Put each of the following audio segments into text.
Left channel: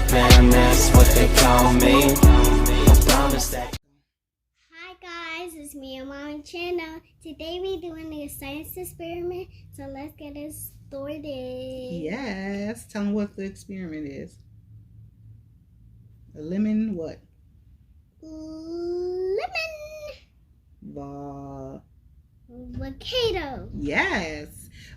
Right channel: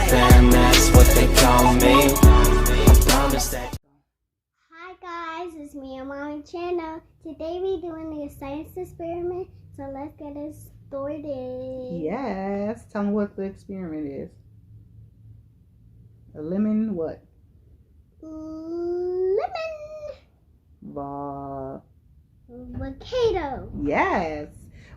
fam, that's what they call me. I promise that. Hi guys, it's me and Mommy Channel. Today we're doing a science experiment, so let's get it started. Yes. Tell them what the experiment is. A lemon what? Lemon volcano. Yes.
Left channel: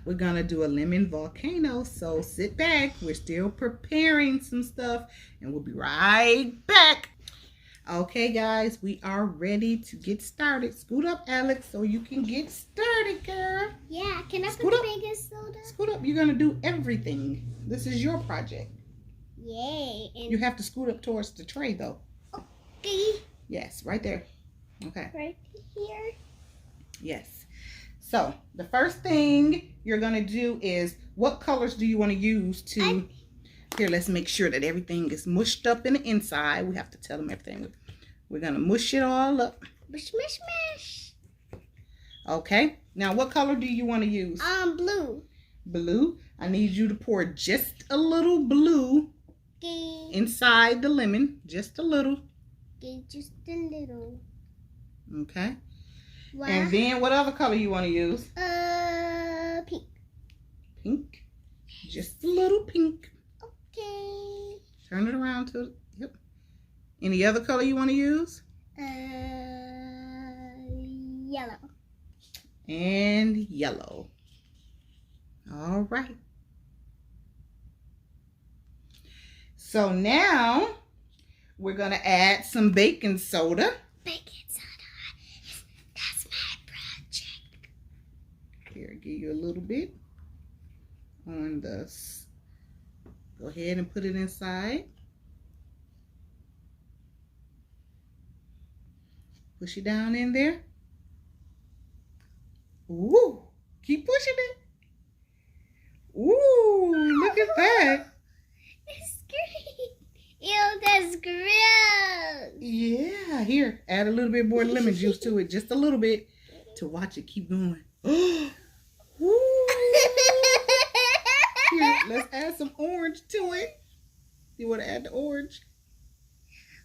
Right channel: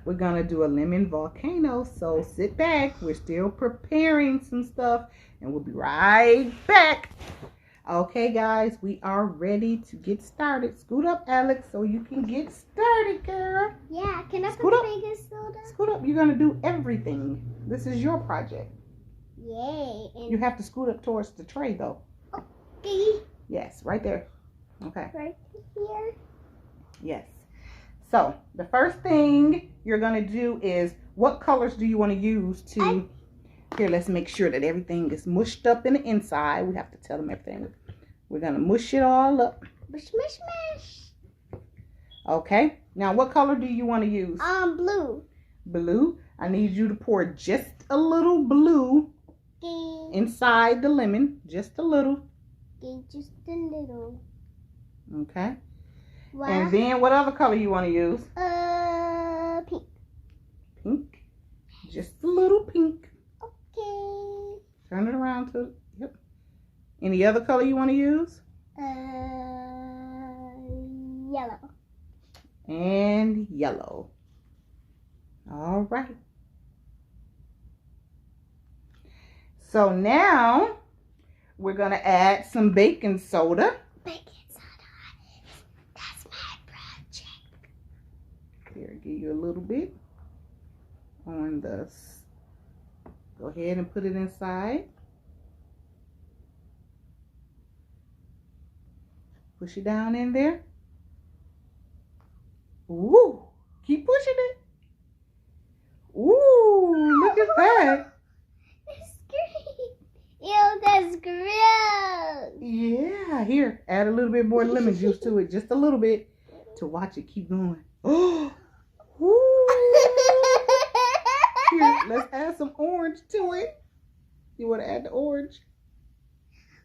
We're going to do a lemon volcano. So sit back. We're still preparing some stuff and we'll be right back. Okay, guys, we are ready to get started. Scoot up, Alex, so you can get started, girl. Yeah, can I Scoot put up. the baking soda? Scoot up. You're going to do everything. This is your project. Yay. And You have to scoot up towards the tray, though. okay, Yes, right there. Okay. right here. Yes. So, the first thing you're going to do is, what colors do you want to use to... Here, let's make sure that everything is mushed up in the inside. We have to tell them everything. We're going to mush it all up. Mush, mush, mush. Okay. Now, what color do you want to use? Blue. Blue. I need you to pour just a little blue Okay. inside the lemon. Just a little. Okay, just a little. Okay. What? And then, what other color you want to use? Pink. Pink. Just a little pink. Okay. Turn it around to... Yep. Any other color you want to use? Yellow. And yellow. All right. So now we're going to add some baking soda. Baking soda. That's my project. Here, give you a little bit on the... Go ahead and put it inside. Push it down in there. Ooh, keep pushing it. Ooh, look at that. It's great. Ew, that's gross. Yeah, here, add a little bit more lemon juice to it, just a little bit, to watch it keep going. Oh, here, let's add some orange to it. You want to add the orange?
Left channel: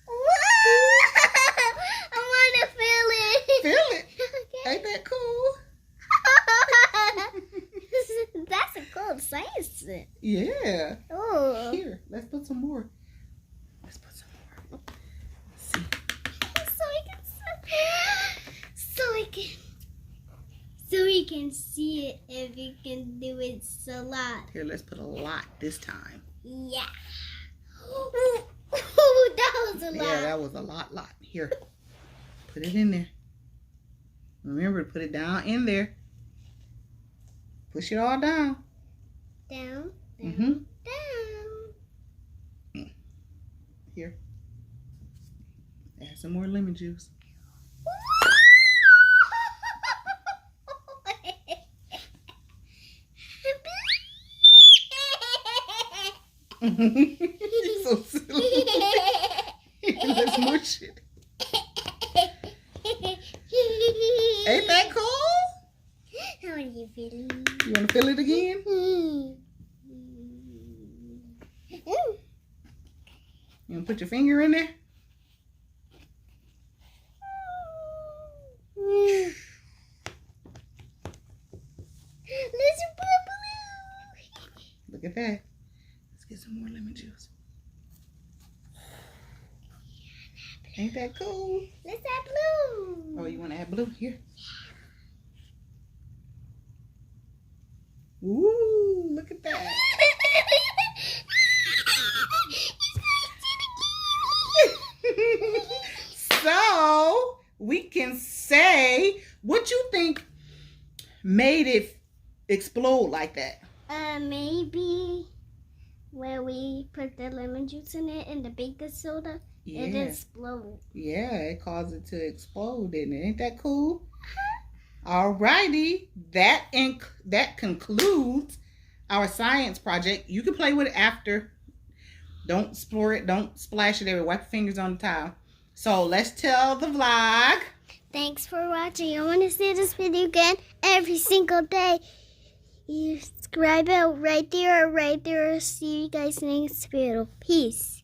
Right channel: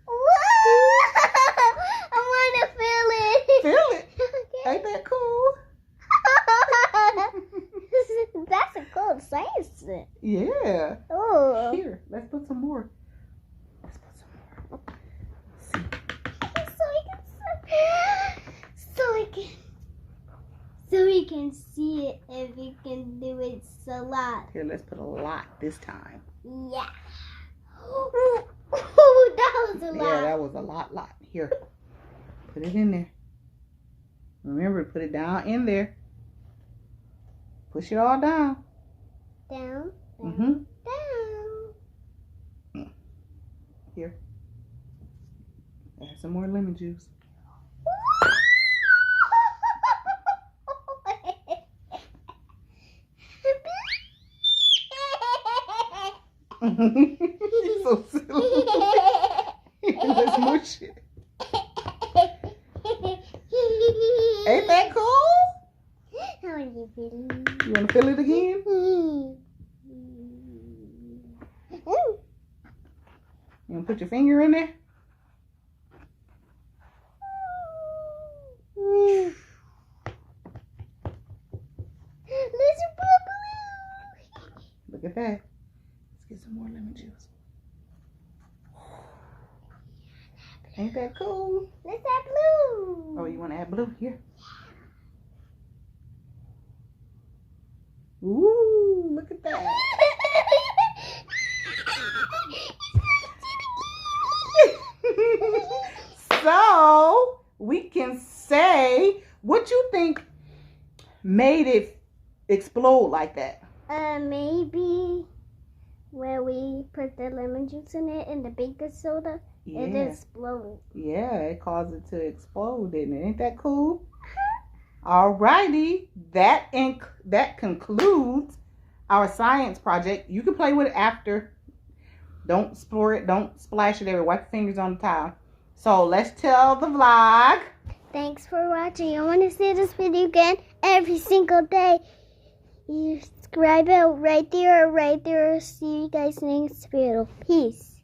I want to feel it. Feel it. Ain't that cool? That's a cool science. Yeah. Oh. Here, let's put some more. Let's put some more. So we can see it if we can do it a lot. Here, let's put a lot this time. Yeah. Ooh, that was a lot. Yeah, that was a lot. Here, put it in there. Remember to put it down in there. Push it all down. Down, down, Mm-hmm. down. Here. Add some more lemon juice. You're so silly. Let's mush it. Ain't that cool? How are you feeling? You want to feel it again? You want to put your finger in there? Look at that. Let's get some more lemon juice. Ain't that cool? Let's add blue. Oh, you want to add blue? Here. Ooh, look at that. So, we can say, what you think made it explode like that? Maybe where we put the lemon juice in it and the baking soda, it exploded. Yeah, it caused it to explode, didn't it? Ain't that cool? Alrighty, that concludes our science project. You can play with it after. Don't explore it. Don't splash it everywhere. Wipe your fingers on the tile. So let's tell the vlog. Thanks for watching. I want to see this video again every single day. You subscribe it right there. See you guys next video. Peace.